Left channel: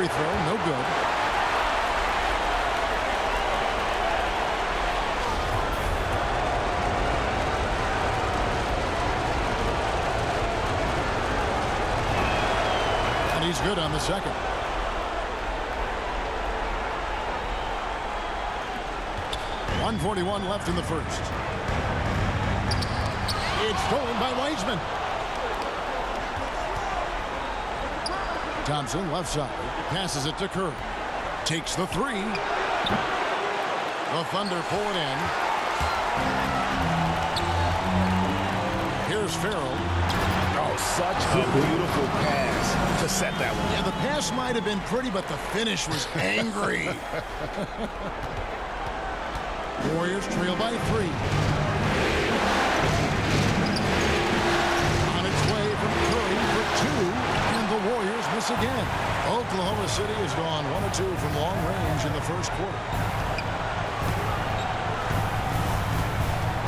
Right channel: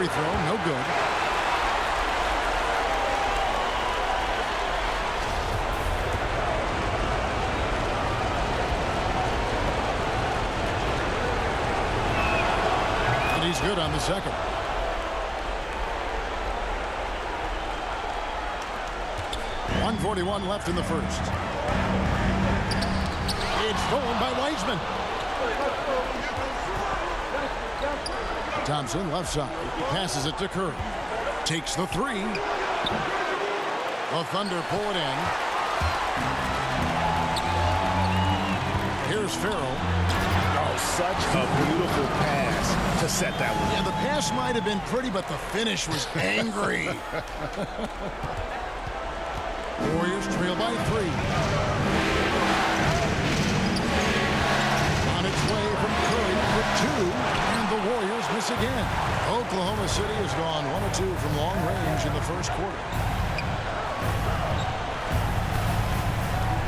free throw, no good. And he's good on the second. .141 left in the first. It's stolen by Wiseman. Thompson, left side, passes it to Curry. Takes the three. The Thunder pull it in. Here's Farrell. Oh, such a beautiful pass to set that one. Yeah, the pass might have been pretty, but the finish was angry. Warriors trail by 3. On its way from Curry for 2, and the Warriors miss again. Oklahoma City has gone 1 of 2 from long range in the first quarter.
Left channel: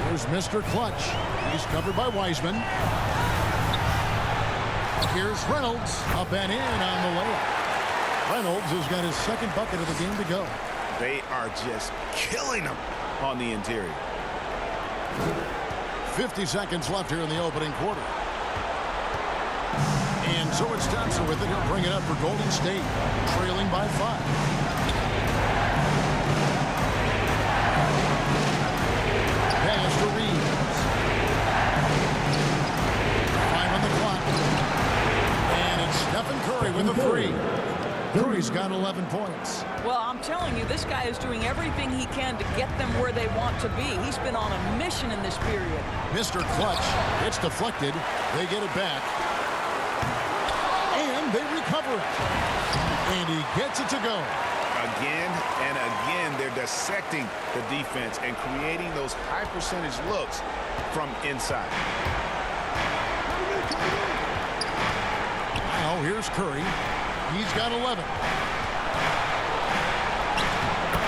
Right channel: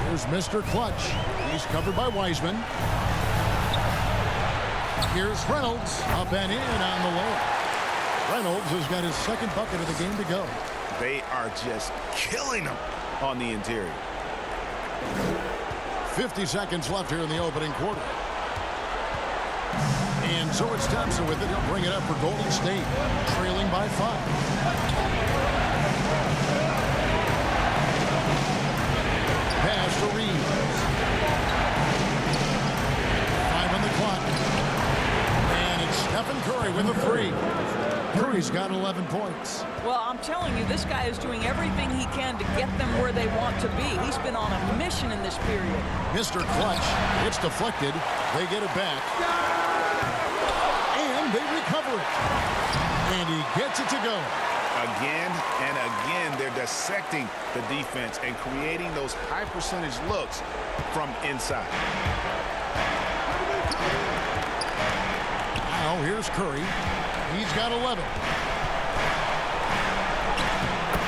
Here's Mr. Clutch. He's covered by Wiseman. Here's Reynolds, up and in on the layup. Reynolds has got his second bucket of the game to go. They are just killing them on the interior. 50 seconds left here in the opening quarter. And so it's Thompson with it. He'll bring it up for Golden State, trailing by 5. Pass to Reeves. 5 on the clock. And it's Stephen Curry with a 3. Curry's got 11 points. Well, I'm telling you, this guy is doing everything he can to get them where they want to be. He's been on a mission in this period. Mr. Clutch, it's deflected. They get it back. And they recover it. And he gets it to go. Again and again, they're dissecting the defense and creating those high percentage looks from inside. Now here's Curry. He's got 11.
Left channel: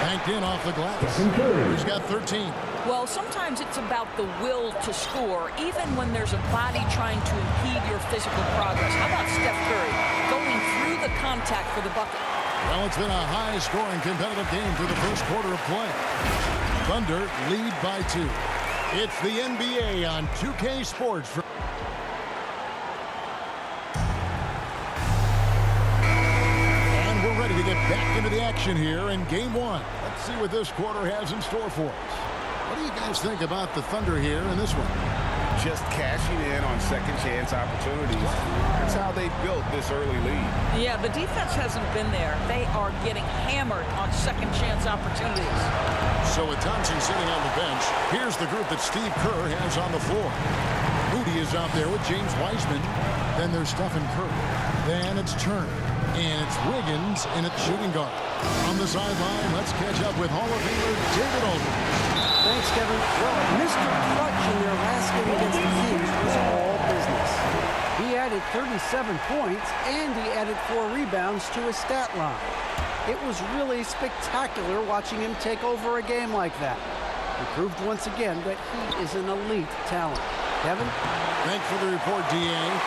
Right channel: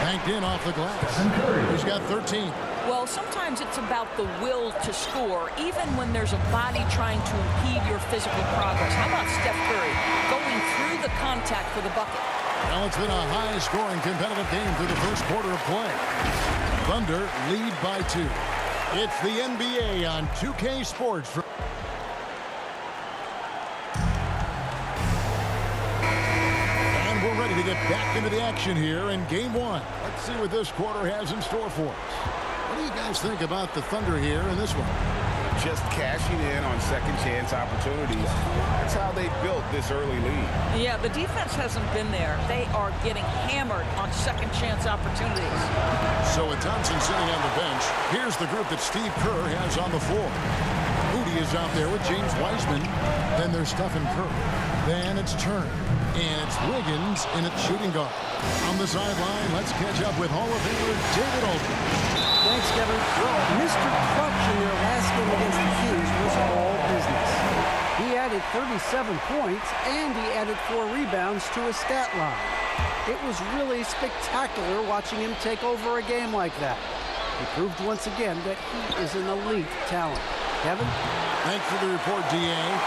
Banked in off the glass. He's got 13. Well, sometimes it's about the will to score, even when there's a body trying to impede your physical progress. How about Steph Curry going through the contact for the bucket? Well, it's been a high-scoring competitive game through the first quarter of play. Thunder lead by 2. It's the NBA on 2K Sports. We're ready to get back into the action here in Game 1. Let's see what this quarter has in store for us. What do you guys think about the Thunder here in this one? Just cashing in on second chance opportunities. That's how they built this early lead. Yeah, the defense hasn't been there. They are getting hammered on second chance opportunities. So with Thompson sitting on the bench, here's the group that Steve Kerr has on the floor. Moody is out there with James Wiseman. Then there's Stephen Curry. Then it's Turner. And it's Wiggins in its shooting guard. On the sideline, let's catch up with Hall of Famer David Aldridge. Thanks, Kevin. Well, Mr. Clutch in their last game against the Kings was all business. He added 37 points, and he added 4 rebounds to his stat line. It was really spectacular watching him take over a game like that. He proved once again that he is an elite talent. Kevin? Thanks for the report, D.A.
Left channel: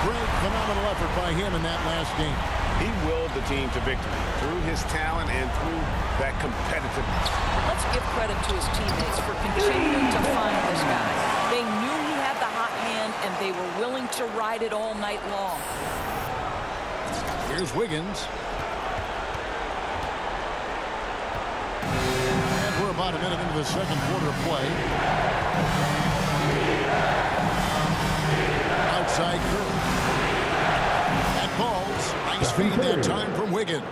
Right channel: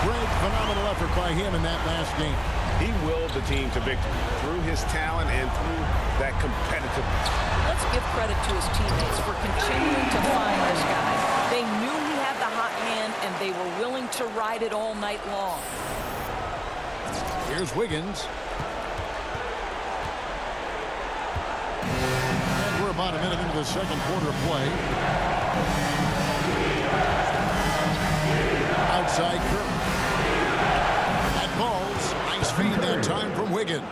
Great, phenomenal effort by him in that last game. He willed the team to victory through his talent and through that competitiveness. Let's give credit to his teammates for continuing to find this guy. They knew he had the hot hand, and they were willing to ride it all night long. Here's Wiggins. And we're about a minute into the second quarter of play. Outside Curry. That falls. Nice feed that time from Wiggins.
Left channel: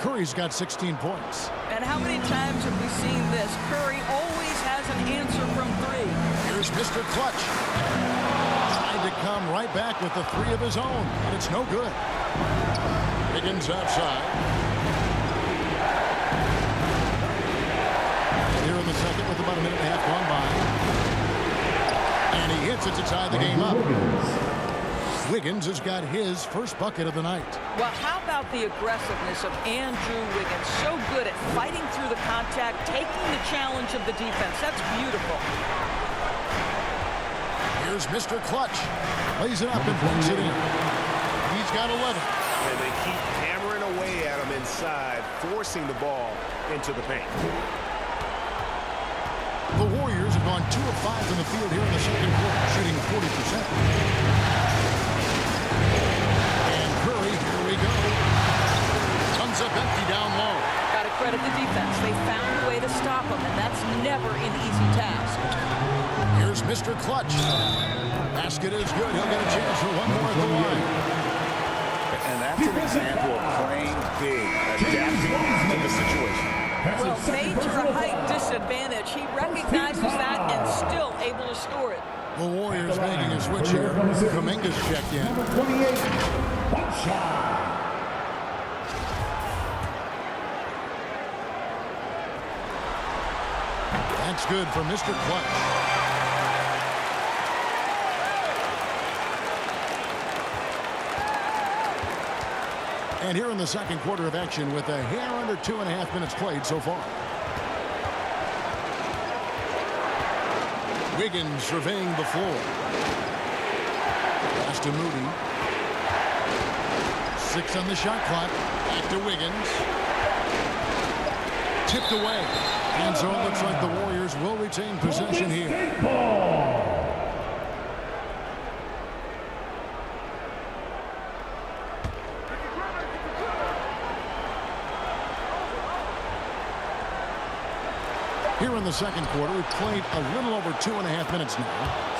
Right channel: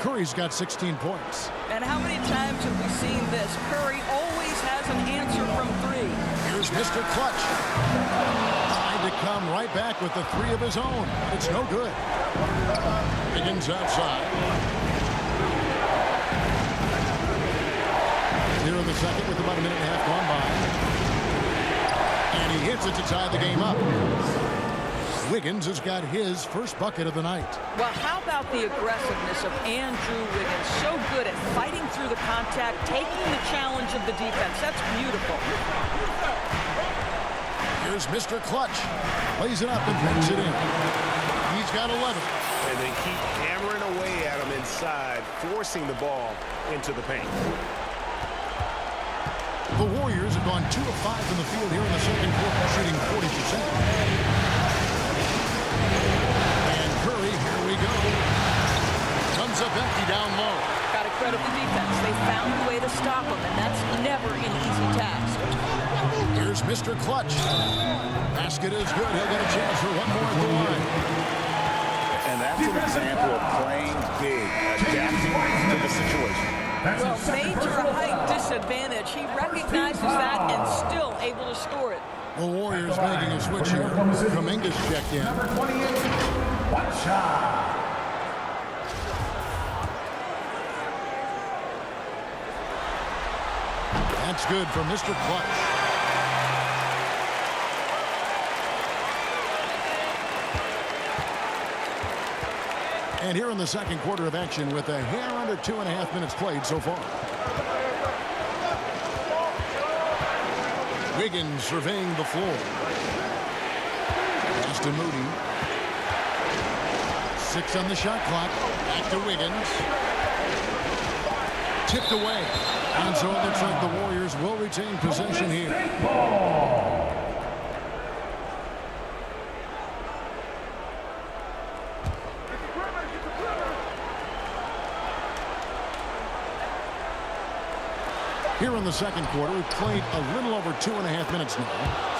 Curry's got 16 points. And how many times have we seen this? Curry always has an answer from 3. Here's Mr. Clutch. Trying to come right back with the 3 of his own, but it's no good. Wiggins outside. Here in the second with about a minute and a half gone by. And he hits it to tie the game up. Wiggins has got his first bucket of the night. Well, how about the aggressiveness of Andrew Wiggins? So good at fighting through the contact, taking the challenge of the defense. That's beautiful. Here's Mr. Clutch. Lays it up and banks it in. He's He's got 11. And they keep hammering away at him inside, forcing the ball into the paint. The Warriors have gone 2 of 5 from the field here in the second quarter, shooting 40%. And Curry, here we go. Comes up empty down low. Got to credit the defense. They found a way to stop him, and that's never an easy task. Here's Mr. Clutch. Basket is good. He'll get a chance for one more at the line. And that's an example of playing big, adapting to the situation. Well, major height disadvantage. He recognizes that and still able to score it. The Warriors making a switch here. Kuminga's checked in. Number 28, one shot. That's good for Mr. Clutch. And here in the second quarter of action with a hair under 2.5 minutes played so far. Wiggins surveying the floor. Pass to Moody. 6 on the shot clock. Back to Wiggins. Tipped away. And so it looks like the Warriors will retain possession here. Here in the second quarter, we've played a little over 2.5 minutes now.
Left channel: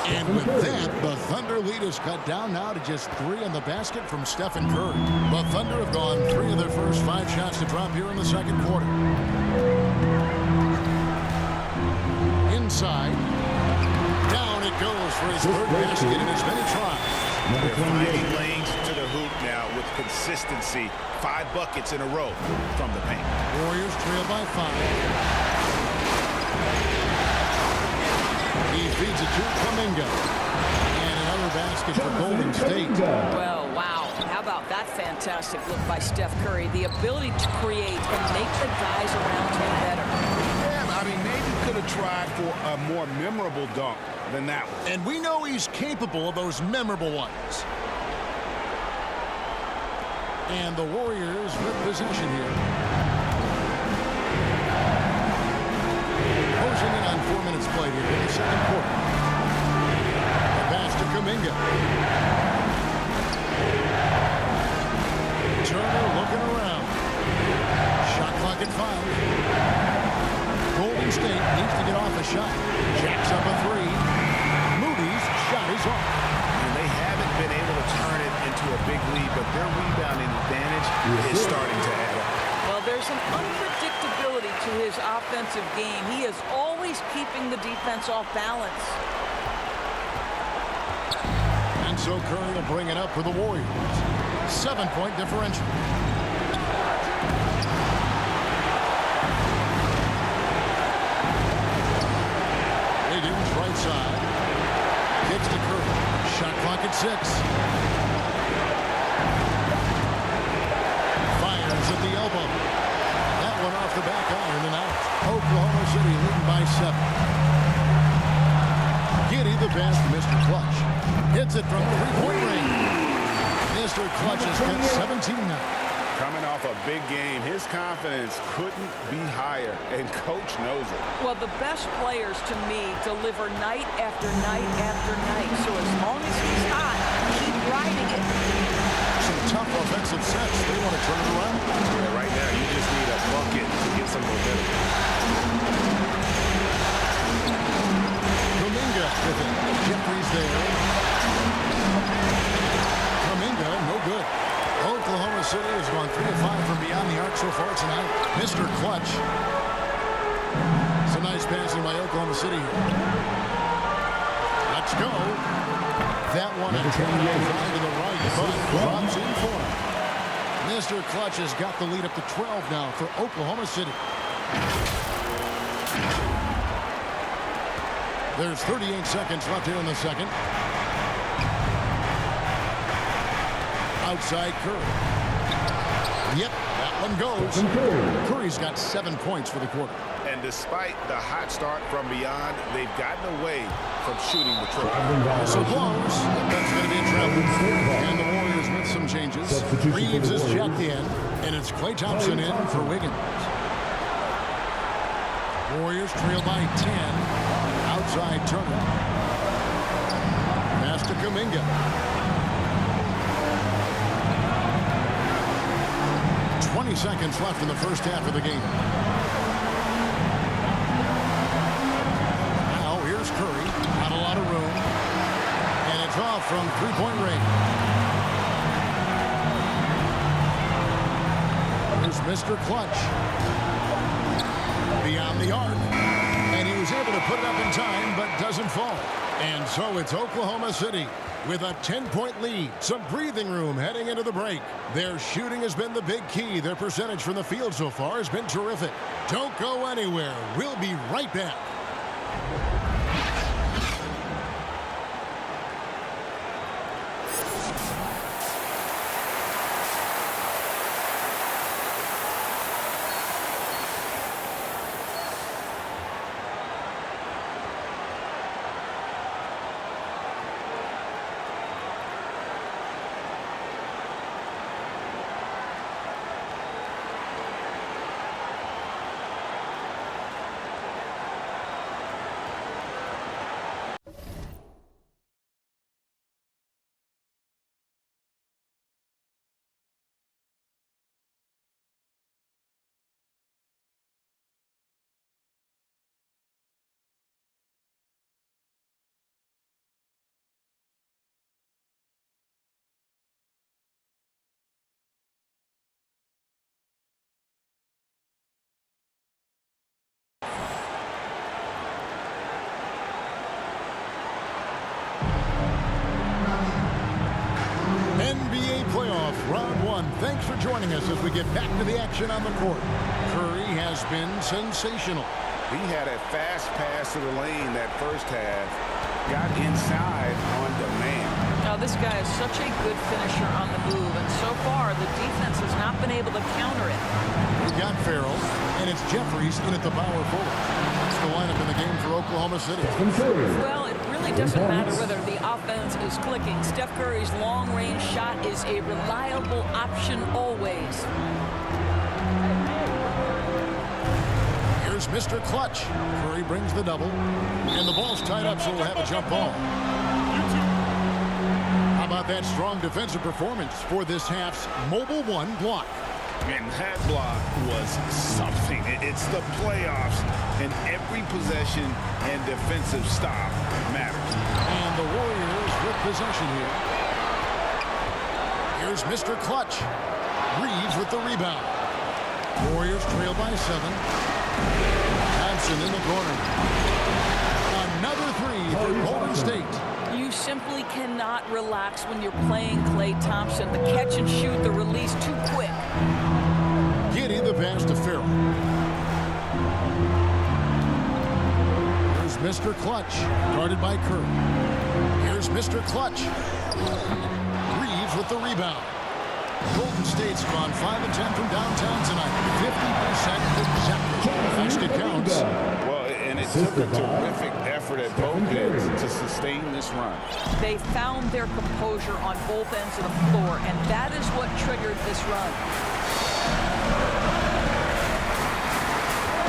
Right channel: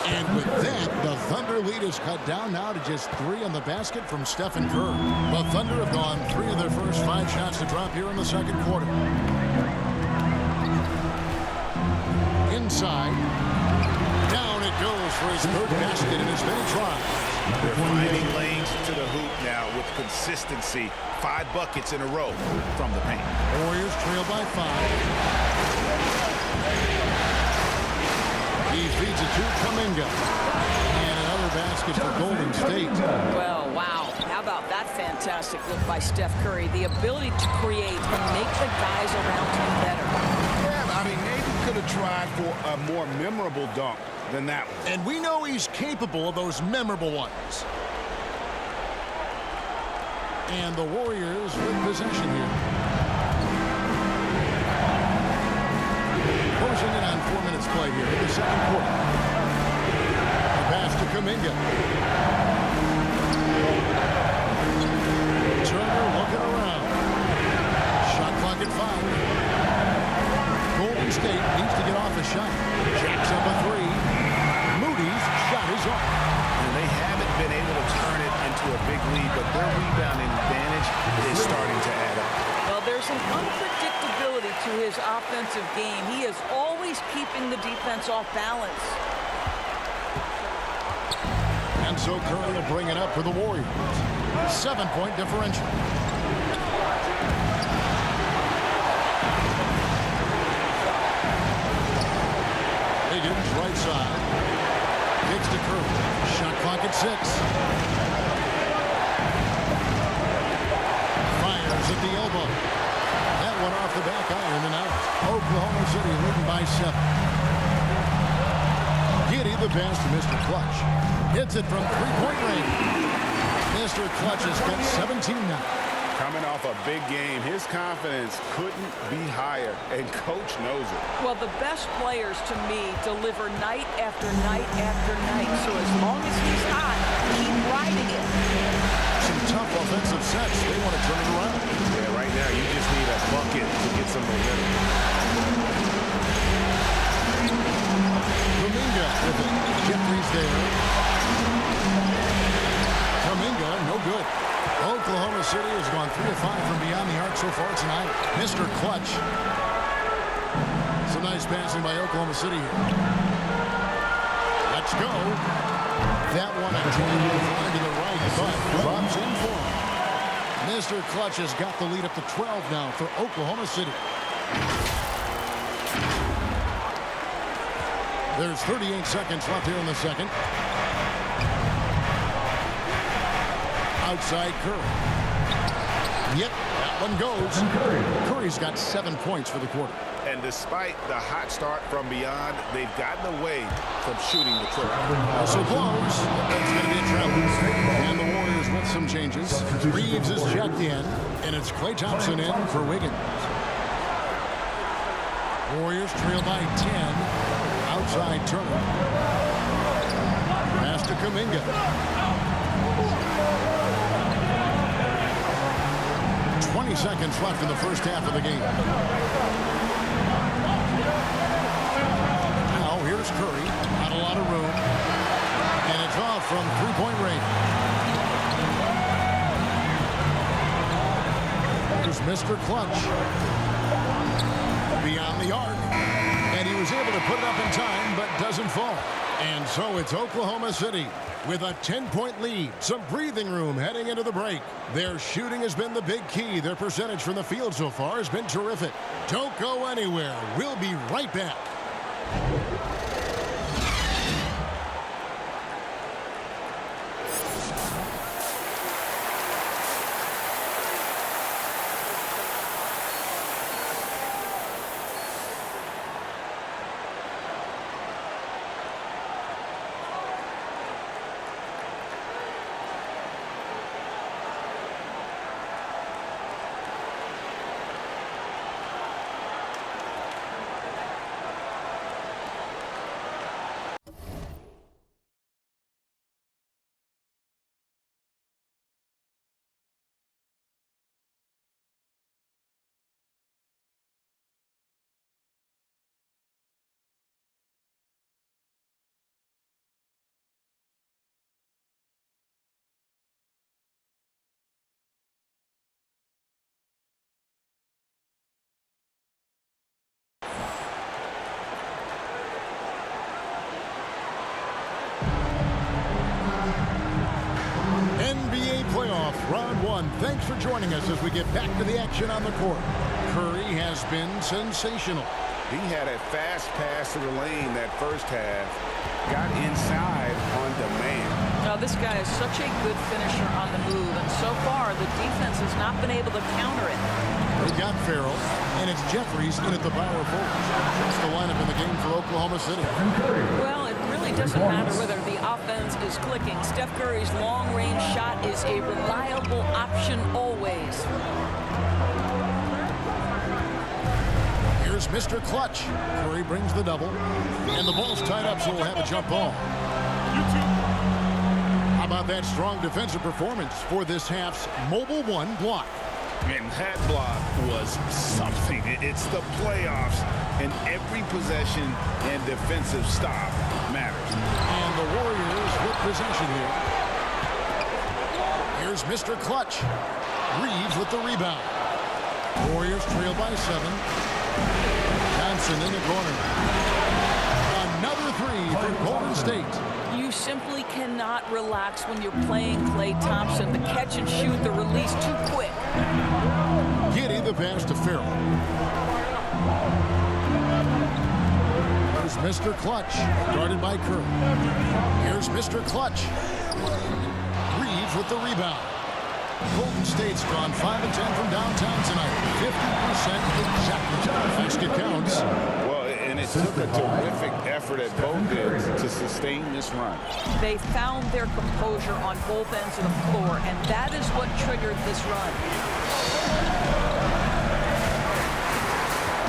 And with that, the Thunder lead is cut down now to just 3 on the basket from Stephen Curry. The Thunder have gone 3 of their first 5 shots to drop here in the second quarter. Inside. Down it goes for his third basket in as many tries. They're finding lanes to the hoop now with consistency. 5 buckets in a row from the paint. Warriors trail by 5. He feeds it to Kuminga. And another basket for Golden State. Well, wow. How about that fantastic look by Steph Curry? The ability to create and make the guys around him better. Yeah, I mean, maybe could have tried for a more memorable dunk than that one. And we know he's capable of those memorable ones. And the Warriors with possession here. Closing in on 4 minutes played here in the second quarter. The pass to Kuminga. Turner looking around. Shot clock at 5. Golden State needs to get off a shot. Jacks up a 3. Moody's shot is off. And they haven't been able to turn it into a big lead, but their rebounding advantage is starting to add up. Well, there's an unpredictability to his offensive game. He is always keeping the defense off balance. And so Curry will bring it up for the Warriors. 7-point differential. Wiggins right side. Kicks to Curry. Shot clock at 6. Fires at the elbow. That one off the back iron and out. Oklahoma City leading by 7. Giddey the pass to Mr. Clutch. Hits it from 3-point range. Mr. Clutch has got 17 now. Coming off a big game, his confidence couldn't be higher, and coach knows it. Well, the best players, to me, deliver night after night after night. So as long as he's hot, keep riding it. Some tough offensive sets. They want to turn it around. Yeah, right now you just need a bucket to get some momentum. Kuminga with it. Jeffries there. Kuminga, no good. Oklahoma City has gone 3 of 5 from beyond the arc so far tonight. Mr. Clutch. Some nice passing by Oklahoma City here. Let's go. That one a tan offline to the right, but drops in for him. Mr. Clutch has got the lead up to 12 now for Oklahoma City. There's 38 seconds left here in the second. Outside Curry. Yep, that one goes. Curry's got 7 points for the quarter. And despite the hot start from beyond, they've gotten away from shooting the triple. Whistle blows. That's going to be a travel. And the Warriors with some changes. Substitution Reeves for the is Warriors. checked in, and it's Klay Thompson in for Wiggins. Warriors trail by 10. Outside Turner. Pass to Kuminga. 20 seconds left in the first half of the game. Now here's Curry. Not a lot of room. And it's off from three-point range. Here's Mr. Clutch. Beyond the arc. And he was able to put it up in time, but doesn't fall. And so it's Oklahoma City with a 10-point lead. Some breathing room heading into the break. Their shooting has been the big key. Their percentage from the field so far has been terrific. Don't go anywhere. We'll be right back. NBA playoff round one. Thanks for joining us as we get back to the action on the court. Curry has been sensational. He had a fast pass to the lane that first half. Got inside on demand. Now, this guy is such a good finisher on the move, and so far the defense has not been able to counter it. We've got Farrell, and it's Jeffries in at the power forward. It's the lineup in the game for Oklahoma City. Well, it really doesn't matter whether the offense is clicking. Steph Curry's long-range shot is a reliable option always. Here's Mr. Clutch. Curry brings the double, and the ball's tied up, so we'll have a jump ball. How about that strong defensive performance for this half's Mobile One block? And that block was something. It's the playoffs, and every possession and defensive stop matters. And the Warriors with possession here. Here's Mr. Clutch. Reeves with the rebound. Warriors trail by 7. Thompson in the corner. Another three for Golden State. You simply cannot relax when you're playing Klay Thompson. The catch and shoot, the release too quick. Giddy the pass to Farrell. Here's Mr. Clutch, guarded by Kerr. Here's Mr. Clutch. Reeves with the rebound. Golden State's gone 5 of 10 from downtown tonight. 50% exactly. Basket counts. Well, and it took a terrific effort at both ends to sustain this run. They found their composure on both ends of the floor, and that is what triggered this run.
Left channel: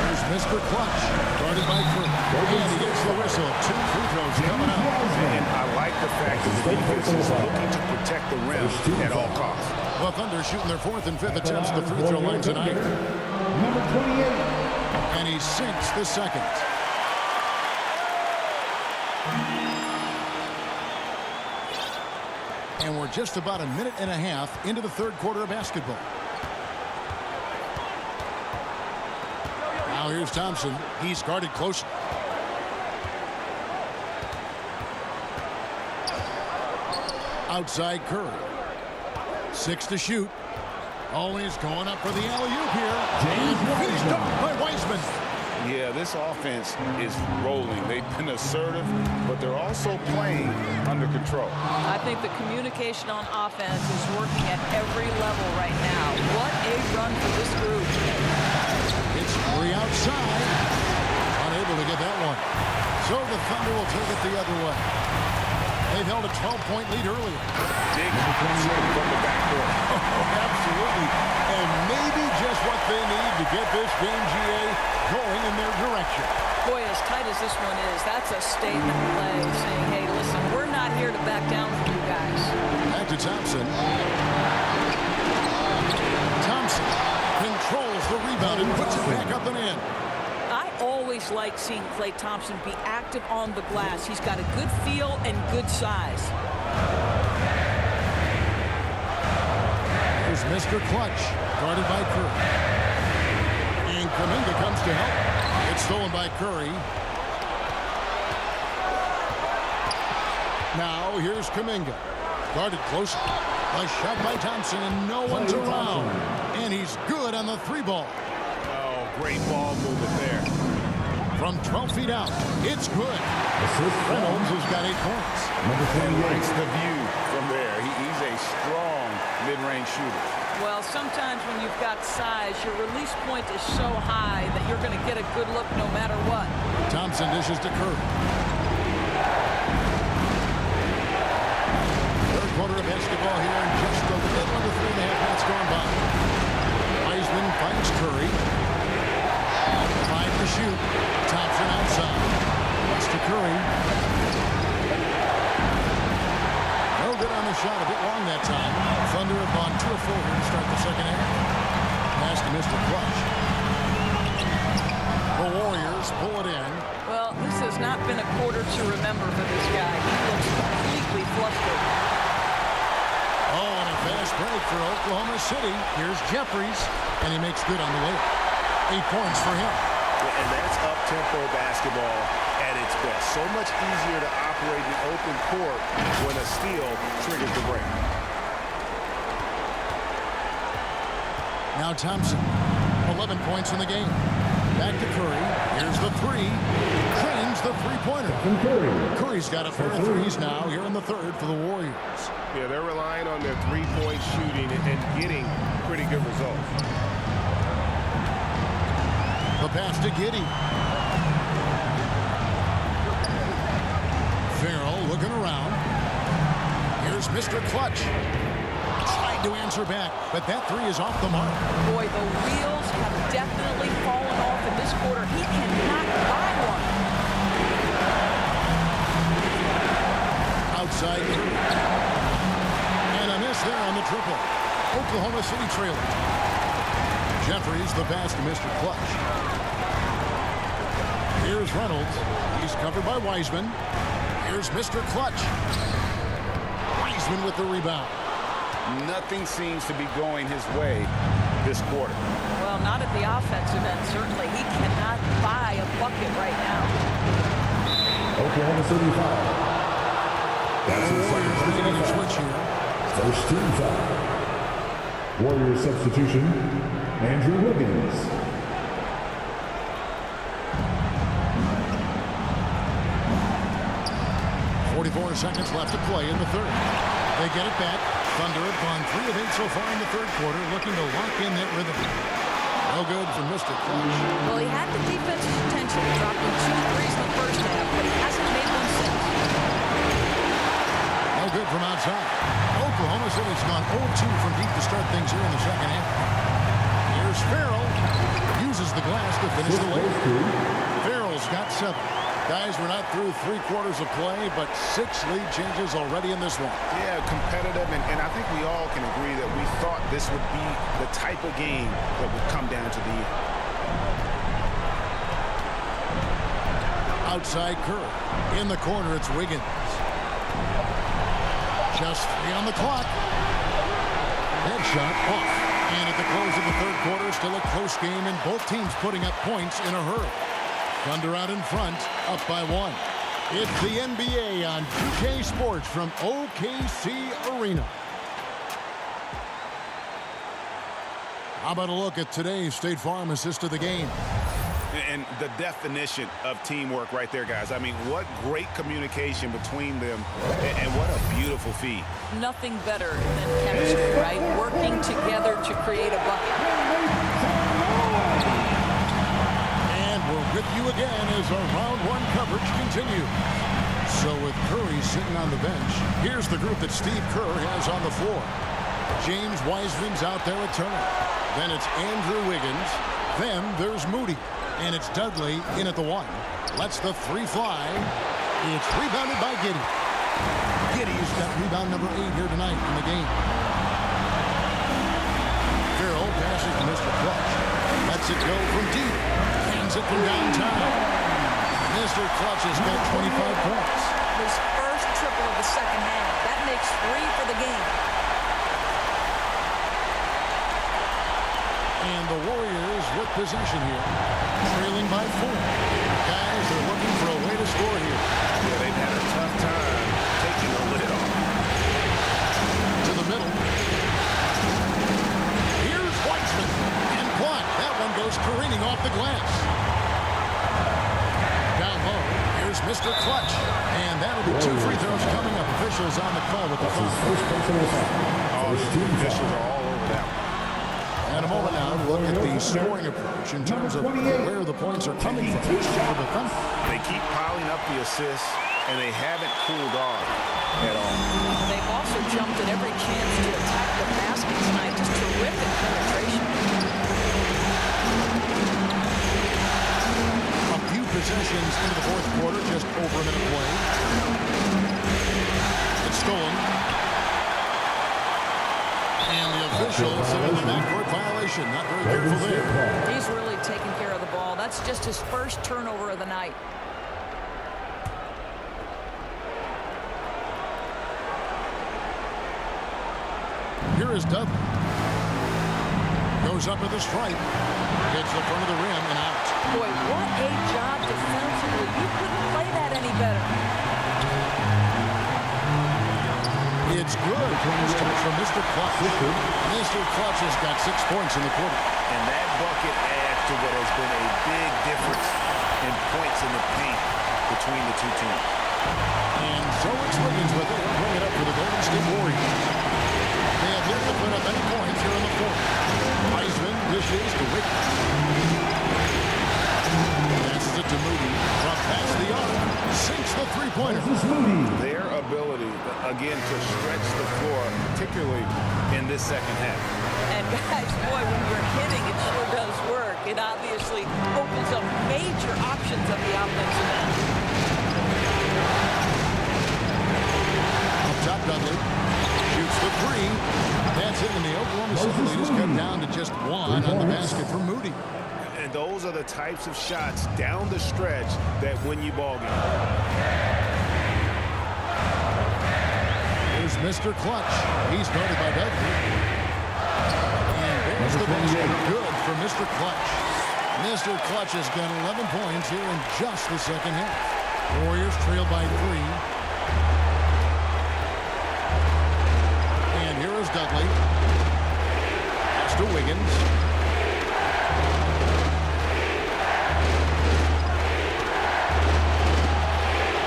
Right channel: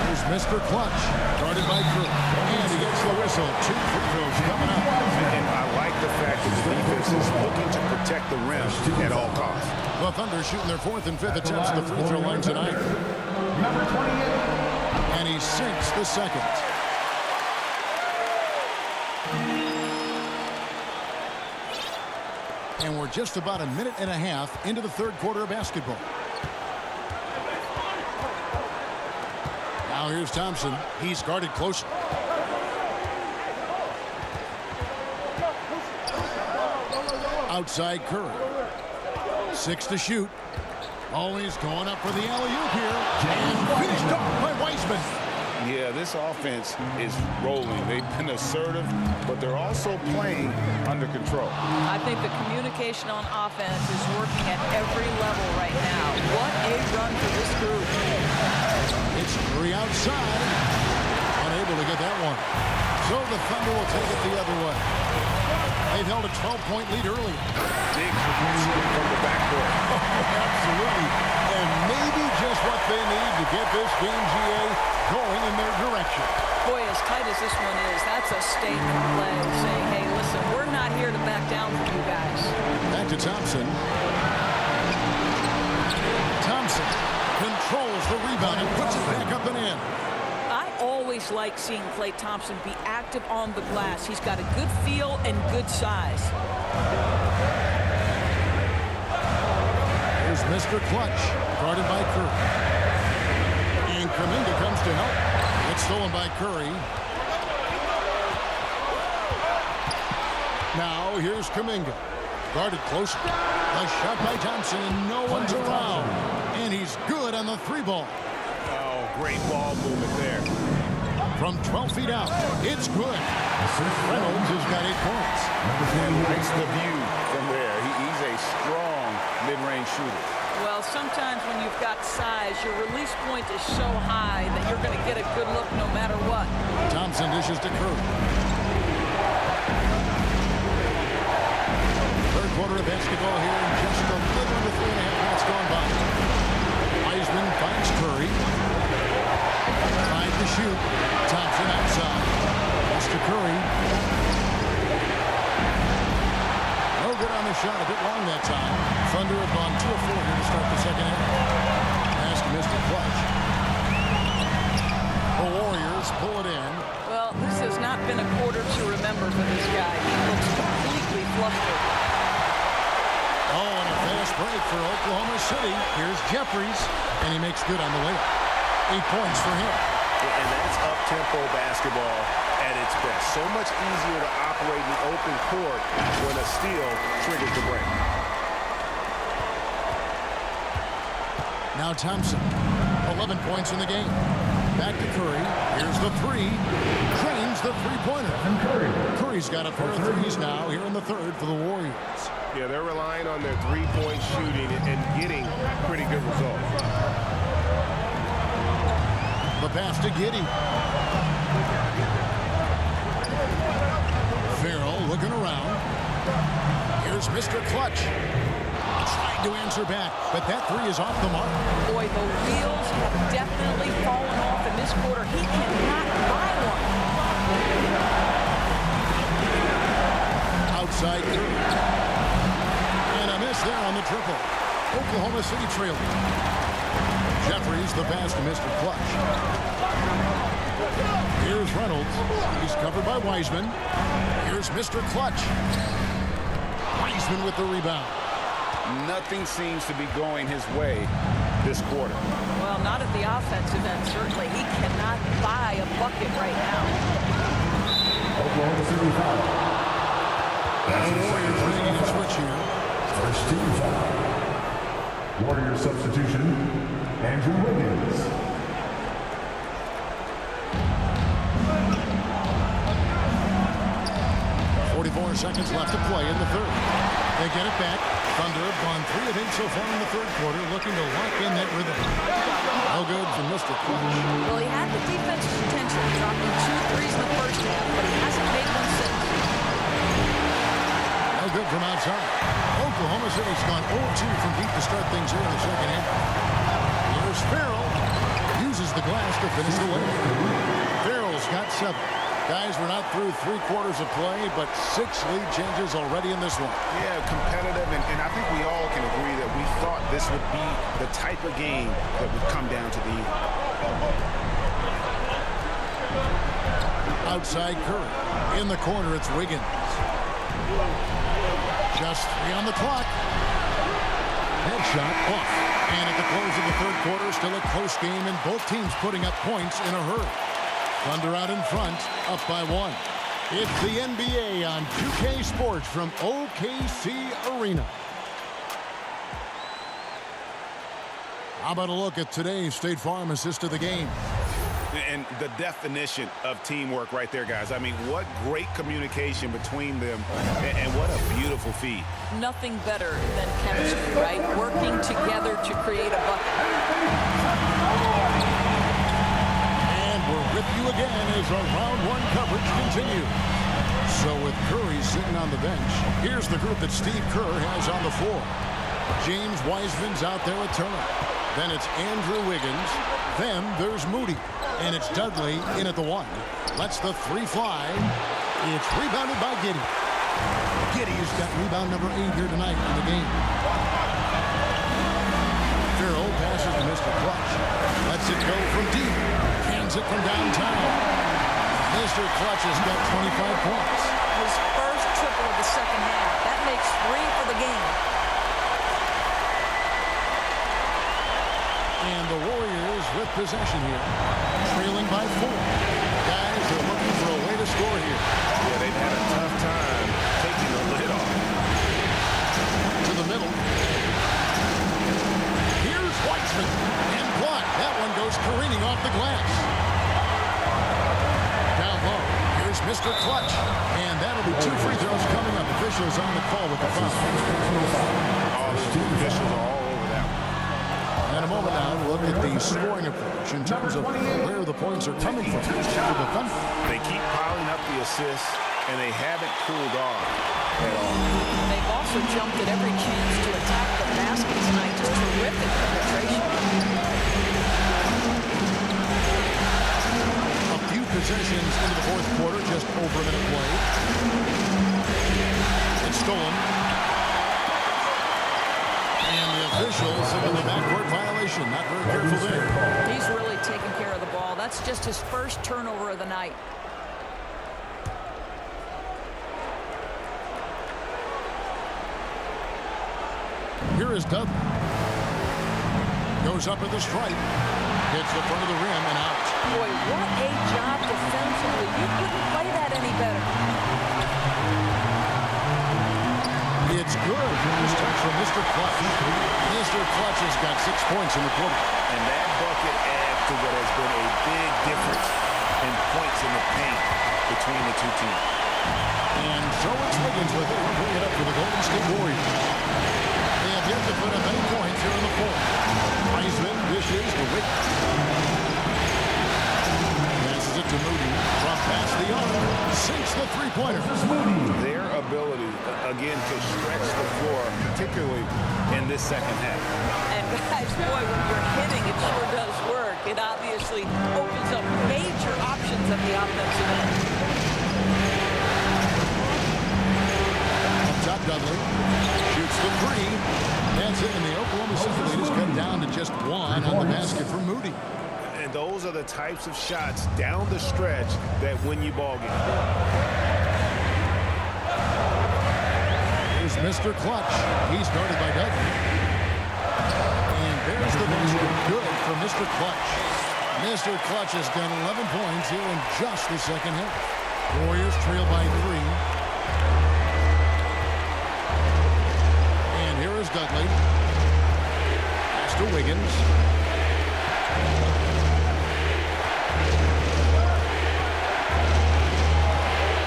Here's Mr. Clutch, guarded by Kerr. And he gets the whistle. 2 free throws coming up. And I like the fact that the defense is looking to protect the rim at all costs. The Thunder shooting their 4th and 5th attempts at the free throw line tonight. Number 28. And he sinks the second. And we're just about a minute and a half into the third quarter of basketball. Now here's Thompson. He's guarded closely. Outside Curry. 6 to shoot. Oh, he's going up for the alley-oop here. And finished off by Wiseman. Yeah, this offense is rolling. They've been assertive, but they're also playing under control. I think the communication on offense is working at every level right now. What a run for this group. It's Curry outside. Unable to get that one. So the Thunder will take it the other way. They've held a 12-point lead earlier. Big hops from the backcourt. Oh, absolutely. And maybe just what they need to get this game, GA, going in their direction. Boy, as tight as this one is, that's a statement play saying, hey, listen, we're not here to back down for you guys. Back to Thompson. Thompson controls the rebound and puts it back up and in. I always like seeing Klay Thompson be active on the glass. He's got a good feel and good size. Here's Mr. Clutch, guarded by Curry. And Kuminga comes to help. It's stolen by Curry. Now here's Kuminga, guarded closer. A shot by Thompson, and no one's around. And he's good on the three ball. Oh, great ball movement there. From 12 feet out, it's good. Reynolds has got 8 points. And likes the view from there. He's a strong mid-range shooter. Well, sometimes when you've got size, your release point is so high that you're going to get a good look no matter what. Thompson dishes to Curry. Third quarter of basketball here, and just a little under 3.5 minutes gone by. Wiseman finds Curry. 5 to shoot. Thompson outside. Pass to Curry. No good on the shot. A bit long that time. Thunder have gone 2 of 4 here to start the second half. Pass to Mr. Clutch. The Warriors pull it in. Well, this has not been a quarter to remember for this guy. He looks completely flustered. Oh, and a fast break for Oklahoma City. Here's Jeffries, and he makes good on the layup. 8 points for him. And that's up-tempo basketball at its best. So much easier to operate in the open court when a steal triggers the break. Now Thompson, 11 points in the game. Back to Curry. Here's the three. Drains the three-pointer. Curry's got a pair of threes now here in the third for the Warriors. Yeah, they're relying on their three-point shooting and getting pretty good results. The pass to Giddey. Farrell looking around. Here's Mr. Clutch. Tried to answer back, but that three is off the mark. Boy, the wheels have definitely fallen off in this quarter. He cannot buy one. Outside Curry. And a miss there on the triple. Oklahoma City trailing. Jeffries, the pass to Mr. Clutch. Here's Reynolds. He's covered by Wiseman. Here's Mr. Clutch. Wiseman with the rebound. Nothing seems to be going his way this quarter. Well, not at the offensive end, certainly. He cannot buy a bucket right now. Oklahoma City foul. The Warriors making a switch here. First team foul. Warriors substitution, Andrew Wiggins. 44 seconds left to play in the third. They get it back. Thunder have gone 3 of 8 so far in the third quarter, looking to lock in that rhythm. No good from Mr. Clutch. Well, he had the defense's attention, dropping 2 threes in the first half, but he hasn't made one since. No good from outside. Oklahoma City's gone 0-2 from deep to start things here in the second half. Here's Farrell. Uses the glass to finish the layup. Farrell's got 7. Guys, we're not through 3 quarters of play, but 6 lead changes already in this one. Yeah, competitive, and I think we all can agree that we thought this would be the type of game that would come down to the end. Outside Curry. In the corner, it's Wiggins. Just 3 on the clock. That shot off. And at the close of the third quarter, still a close game, and both teams putting up points in a hurry. Thunder out in front, up by 1. It's the NBA on 2K Sports from OKC Arena. How about a look at today's State Farm assist of the game? And the definition of teamwork right there, guys. I mean, what great communication between them, and what a beautiful feed. Nothing better than chemistry, right? Working together to create a bucket. And we're with you again as our round 1 coverage continues. So with Curry sitting on the bench, here's the group that Steve Kerr has on the floor. James Wiseman's out there at Turner. Then it's Andrew Wiggins. Then there's Moody. And it's Dudley in at the 1. Lets the 3 fly. It's rebounded by Giddey. Giddey's got rebound number 8 here tonight in the game. Farrell passes to Mr. Clutch. Lets it go from deep. Hands it from downtown. Mr. Clutch has got 25 points. His first triple of the second half. That makes 3 for the game. And the Warriors with possession here. Trailing by 4. Guys, they're looking for a way to score here. Yeah, they've had a tough time taking the lid off. To the middle. Here's Weitzman. And blocked. That one goes careening off the glass. Down low, here's Mr. Clutch. And that'll be 2 free throws coming up. Officials on the call with the foul. Oh, the officials are all over that one. And a moment now to look at the scoring approach in terms of where the points are coming from for the Thunder. They keep piling up the assists, and they haven't cooled off at all. They've also jumped at every chance to attack the basket tonight. Just terrific penetration. A few possessions into the fourth quarter, just over a minute played. It's stolen. And the officials have the backcourt violation. Not very careful there. He's really taking care of the ball. That's just his first turnover of the night. Here is Dudley. Goes up at the stripe. Gets the front of the rim and out. Boy, what a job defensively. You couldn't play that any better. It's good. First touch from Mr. Clutch. Mr. Clutch has got 6 points in the quarter. And that bucket adds to what has been a big difference in points in the paint between the two teams. And so it's Wiggins with it. He'll bring it up for the Golden State Warriors. They have yet to put up any points here in the fourth. Wiseman dishes to Wiggins. Passes it to Moody. From past the arc. Sinks the three-pointer. Their ability, again, to stretch the floor, particularly in this second half. And guys, boy, when you're hitting, it sure does work. It obviously opens up major options at the offensive end. Up top, Dudley. Shoots the 3. That's it, and the Oklahoma City lead is cut down to just 1 on the basket for Moody. And those are the types of shots down the stretch that win you ball games. Here's Mr. Clutch. He's guarded by Dudley. And there's the basket. Good for Mr. Clutch. Mr. Clutch has got 11 points here in just the second half. Warriors trail by 3. And here is Dudley. Pass to Wiggins.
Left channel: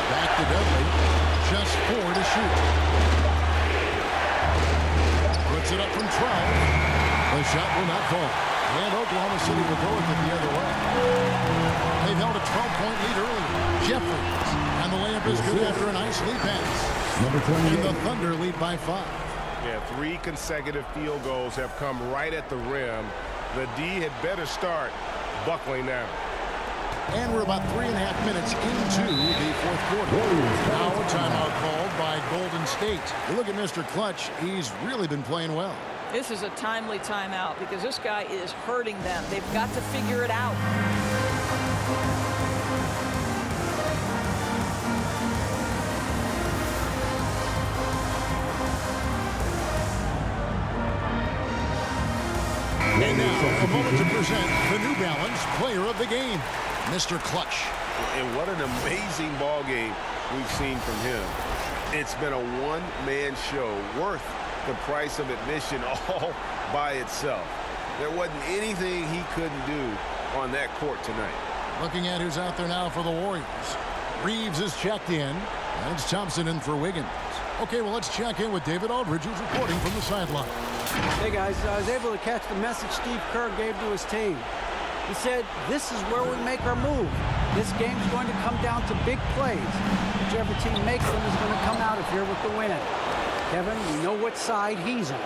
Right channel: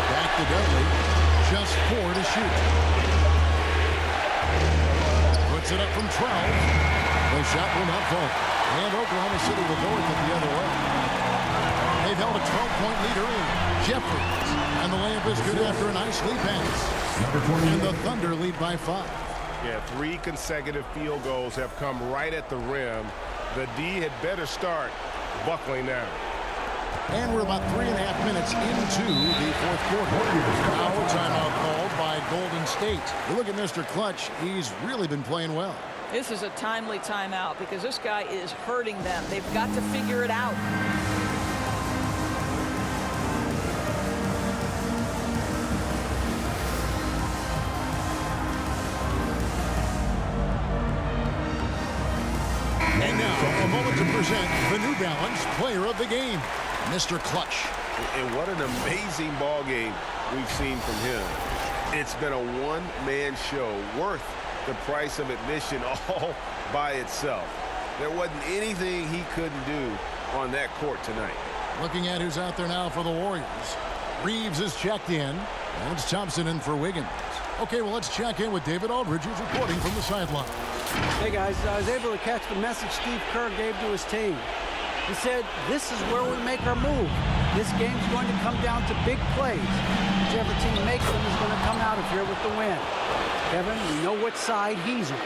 Back to Dudley. Just 4 to shoot. Puts it up from 12. The shot will not fall. And Oklahoma City will go with it the other way. They've held a 12-point lead earlier. Jeffries. And the layup is good after a nice lead pass. And the Thunder lead by 5. Yeah, 3 consecutive field goals have come right at the rim. The D had better start buckling now. And we're about 3.5 minutes into the fourth quarter. Now a timeout called by Golden State. You look at Mr. Clutch, he's really been playing well. This is a timely timeout because this guy is hurting them. They've got to figure it out. And now, a moment to present the New Balance Player of the Game, Mr. Clutch. And what an amazing ball game we've seen from him. It's been a one-man show worth the price of admission all by itself. There wasn't anything he couldn't do on that court tonight. Looking at who's out there now for the Warriors. Reeves is checked in, and it's Thompson in for Wiggins. Okay, well, let's check in with David Aldridge, who's reporting from the sideline. Hey, guys, I was able to catch the message Steve Kerr gave to his team. He said, this is where we make our move. This game's going to come down to big plays. Whichever team makes them is going to come out of here with the win. Kevin, we know what side he's on.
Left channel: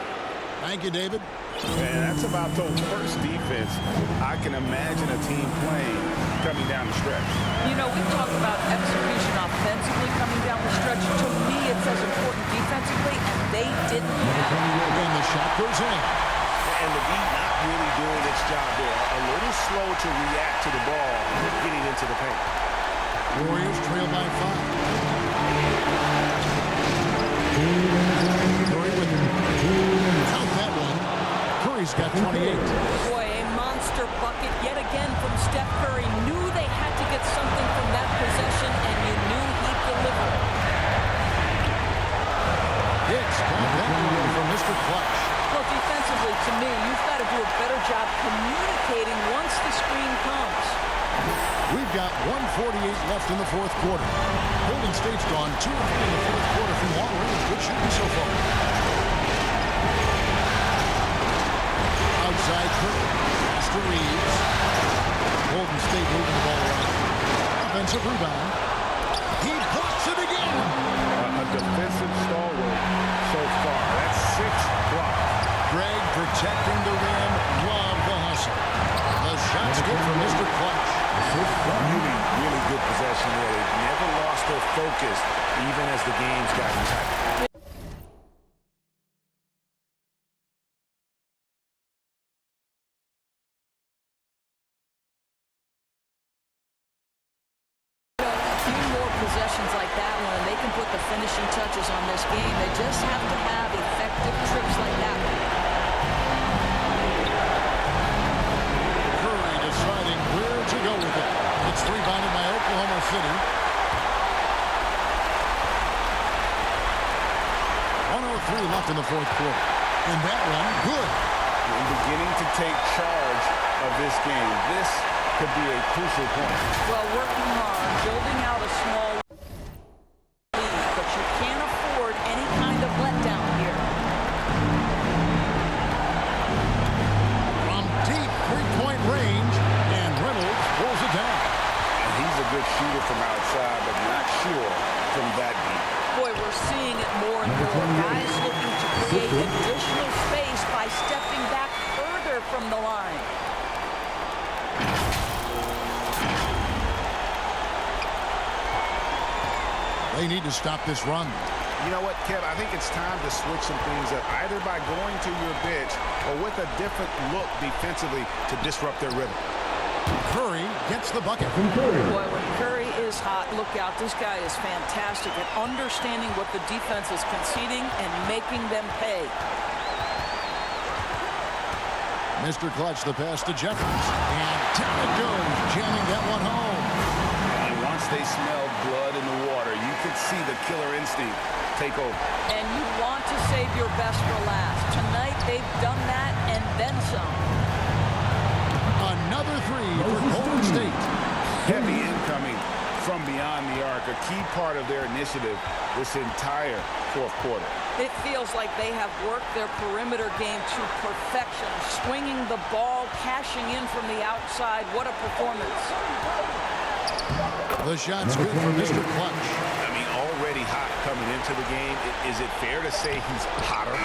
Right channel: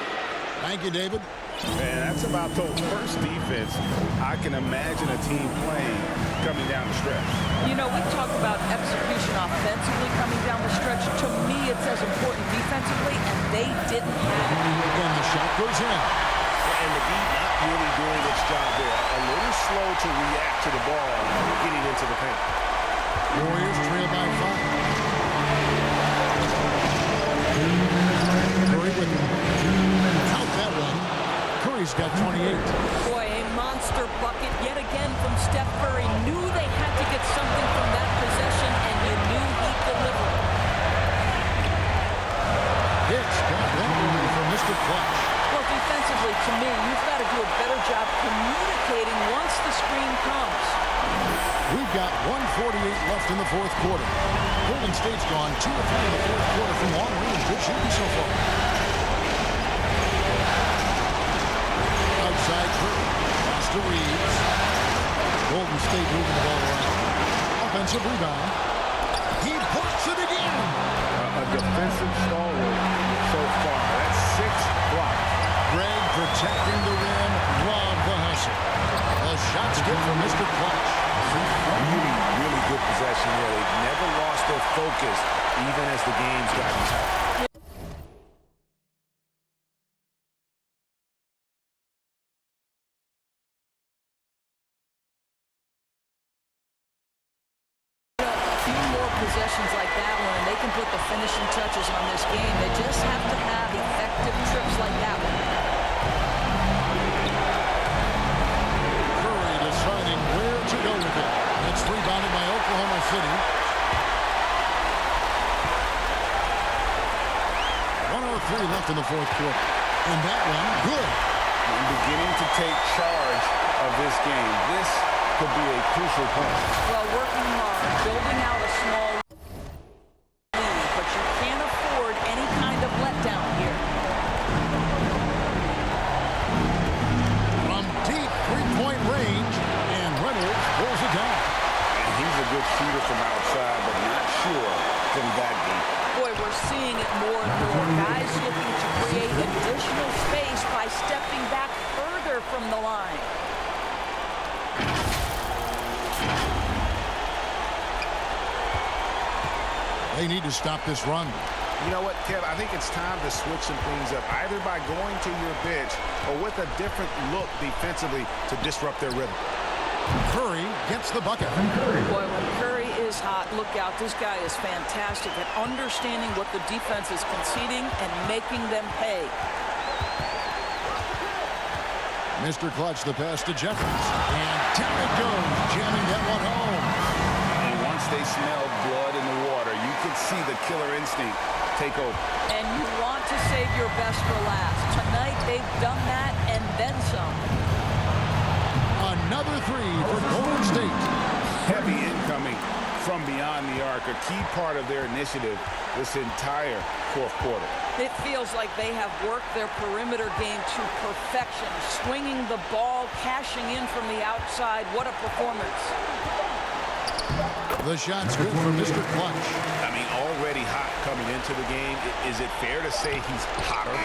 Thank you, David. And that's about the worst defense I can imagine a team playing coming down the stretch. You know, we talk about execution offensively coming down the stretch. To me, it's as important defensively, and they didn't have it. And the shot goes in. And the D not really doing its job there. A little slow to react to the ball getting into the paint. Warriors trail by 5. Curry with him. Count that one. Curry's got 28. Boy, a monster bucket yet again from Steph Curry. Knew they had to get something from that possession, and you knew he'd deliver it. Hicks got that one from Mr. Clutch. Well, defensively, to me, you've got to do a better job communicating once the screen comes. We've got 1:48 left in the fourth quarter. Golden State's gone 2 of 3 in the fourth quarter from long range. Good shooting so far. Outside Curry. Pass to Reeves. Golden State moving the ball around. Offensive rebound. He blocks it again. A defensive stalwart so far. That's 6 blocks. Greg protecting the rim. Love the hustle. The shot's good for Mr. Clutch. Really, really good possession there. They've never lost their focus even as the game's gotten tight. Possessions like that one, and they can put the finishing touches on this game. They just have to have effective trips like that one. Curry deciding where to go with it. It's rebounded by Oklahoma City. 1:03 left in the fourth quarter. And that one, good. And beginning to take charge of this game. This could be a crucial point. Well, working hard, building out a small lead, but you can't afford any kind of letdown here. From deep three-point range, and Reynolds pulls it down. And he's a good shooter from outside, but not sure from that deep. Boy, we're seeing it more and more. Guys looking to create additional space by stepping back further from the line. They need to stop this run. You know what, Kev? I think it's time to switch some things up, either by going to your bench or with a different look defensively to disrupt their rhythm. Curry gets the bucket. Boy, when Curry is hot, look out. This guy is fantastic at understanding what the defense is conceding and making them pay. Mr. Clutch, the pass to Jeffries. And down it goes, jamming that one home. And once they smelled blood in the water, you could see the killer instinct take over. And you want to save your best for last. Tonight, they've done that and then some. Another three for Golden State. Heavy incoming from beyond the arc, a key part of their initiative this entire fourth quarter. It feels like they have worked their perimeter game to perfection, swinging the ball, cashing in from the outside. What a performance. The shot's good for Mr. Clutch. I mean, already hot coming into the game. Is it fair to say he's hotter?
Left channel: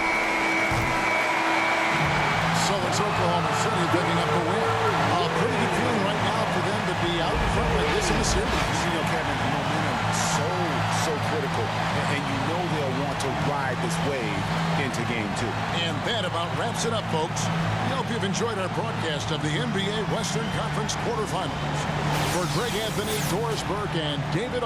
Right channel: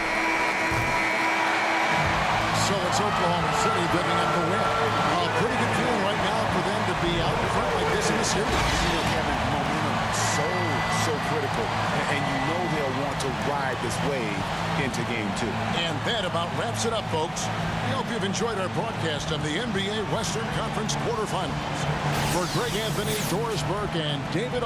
So it's Oklahoma City picking up the win. A pretty good feeling right now for them to be out in front like this in the series. You know, Kevin, momentum so critical. And you know they'll want to ride this wave into game 2. And that about wraps it up, folks. We hope you've enjoyed our broadcast of the NBA Western Conference quarterfinals. For Greg Anthony, Doris Burke, and David